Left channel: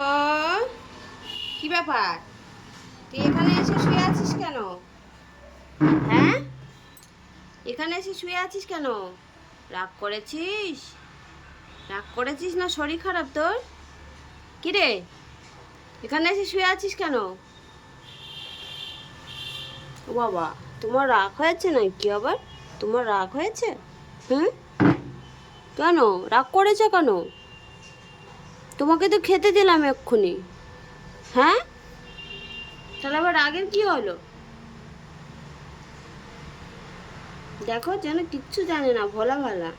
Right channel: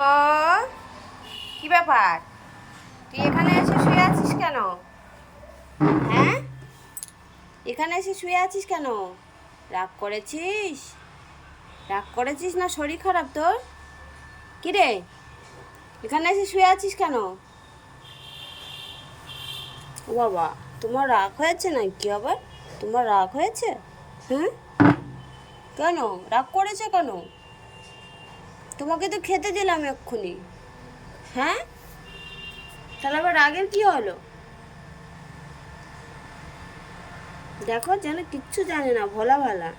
ও, কি ব্যাপার? তুই এখানে এসে শুয়ে আছিস কেন? হ্যাঁ, এখানে এসে শুয়ে আছিস কেন? রাগ করেছিস? রাগ করেছিস না শরীর খারাপ তোর? কি রে, এখানে এসে শুয়ে আছিস কেন? ও বাবা, তোমার রাগ হয়েছে নাকি আবার? তোমার রাগ হয়েছে? হ্যাঁ, কেন রাগ করেছে কেন? তোমাকে তো খেতে দিলাম এক্ষুনি। হ্যাঁ, তাহলে আবার রাগের কি হলো? দেখো, যেন কিচ্ছু জানে না, ভোলা ভালা।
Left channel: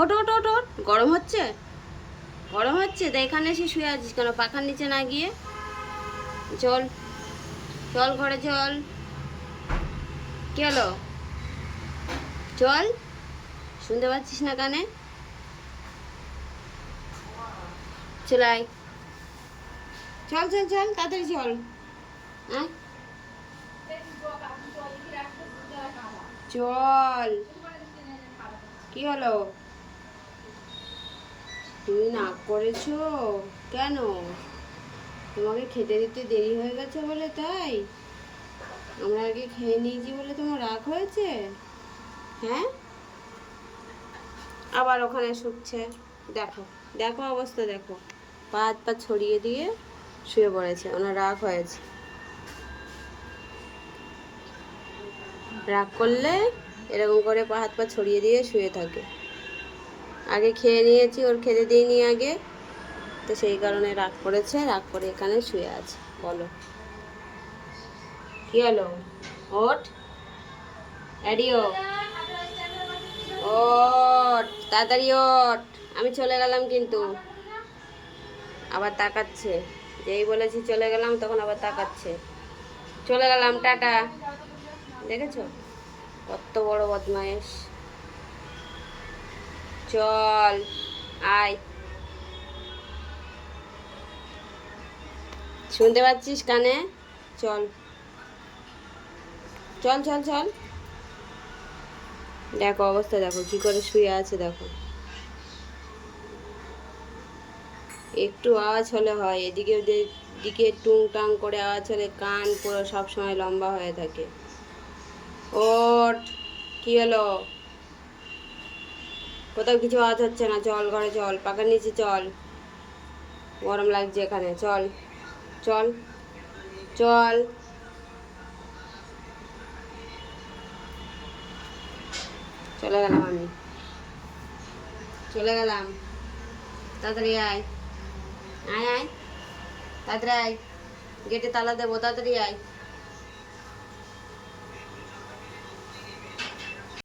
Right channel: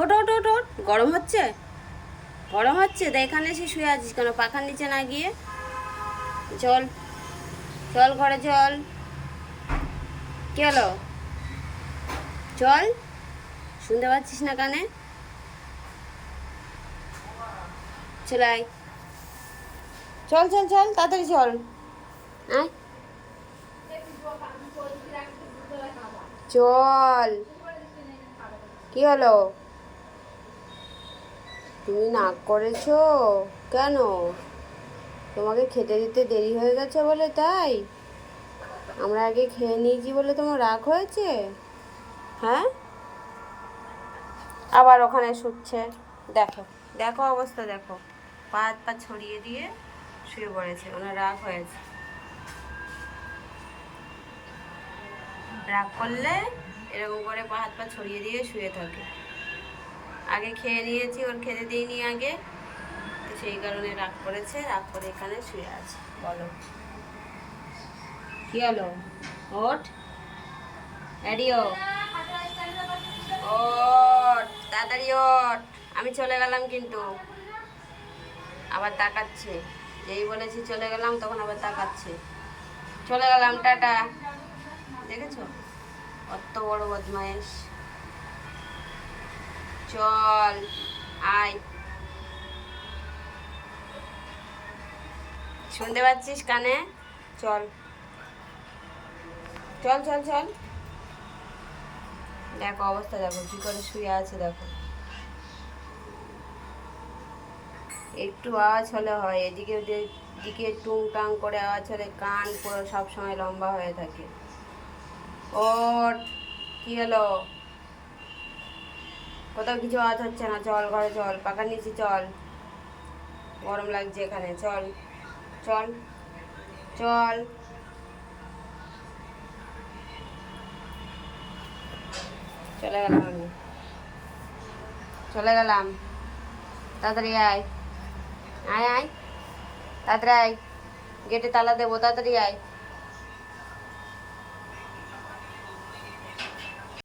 ওঠ ওঠ ওঠ ওঠ, গরম হচ্ছে? গরম হচ্ছে তা এখানে এসে শুয়ে আছিস কেন, পাখার নিচে না গিয়ে? চল, চল ঘরে চল। কি হলো? চল, শুনতে পাচ্ছিস না কানে? চল আয়, চল চল চল, তাড়াতাড়ি চল। আয়, চল। কি হলো? তুমি নাক করেছো কেন? তোমাকে খেতে দিতে দেরি হয়ে গেছে বলে তাই? আমরা আগে খেয়ে নিয়েছি বলে তোমার রাগ হয়েছে? হ্যাঁ, আবার ওখানে শুচ্ছে। দেখো, দেখো অবস্থা দেখো, পা হাত পা ছড়িয়ে দিয়ে শুয়ে পড়েছে, ওনার রাগ হয়েছে। রাগ করলে এরকম করে পা হাত পা ছড়িয়ে দিয়ে শুয়ে থাকে। আগে খেয়ে নিয়েছি, ওর খেতে দিইনি আগে, তো সেই কারণে রাগ করেছে, রাগ করে এখানে শুয়ে আছে। বলো, কি হলো? ওঠ, এডিও, ওঠ, তাড়াতাড়ি ওঠ। আমি চলে গেলাম কিন্তু। আবার তাকাচ্ছে, যেই বলেছি চলে গেলাম তখন আবার তাকাচ্ছে। চলে গেলাম, টাটা। দেখেছো কত বড় বদমাইশ? চল, আয়। শুনতে পাচ্ছিস কানে? চল, চল চল চল। দেখো অবস্থা দেখো, কি করে শুয়ে আছে দেখো। একটু আওয়াজ হলে হয়, এদিকে দিকে টুংটাং করে আওয়াজ হলে কান পুরো সব সময় লম্বা হয়ে থাকে। ওঠ, কি হলো? কোথাও কিছু আওয়াজ হচ্ছে না, চল ঘরে চল, পাখার নিচে চল। গরম লাগছে এখানে, চল চল চল। চলে গেলাম আমি, চলে গেলাম। তাড়াতাড়ি আয়, আয় আয়, তাড়াতাড়ি আয়, গেটে তালা দেবো, তাড়াতাড়ি আয়।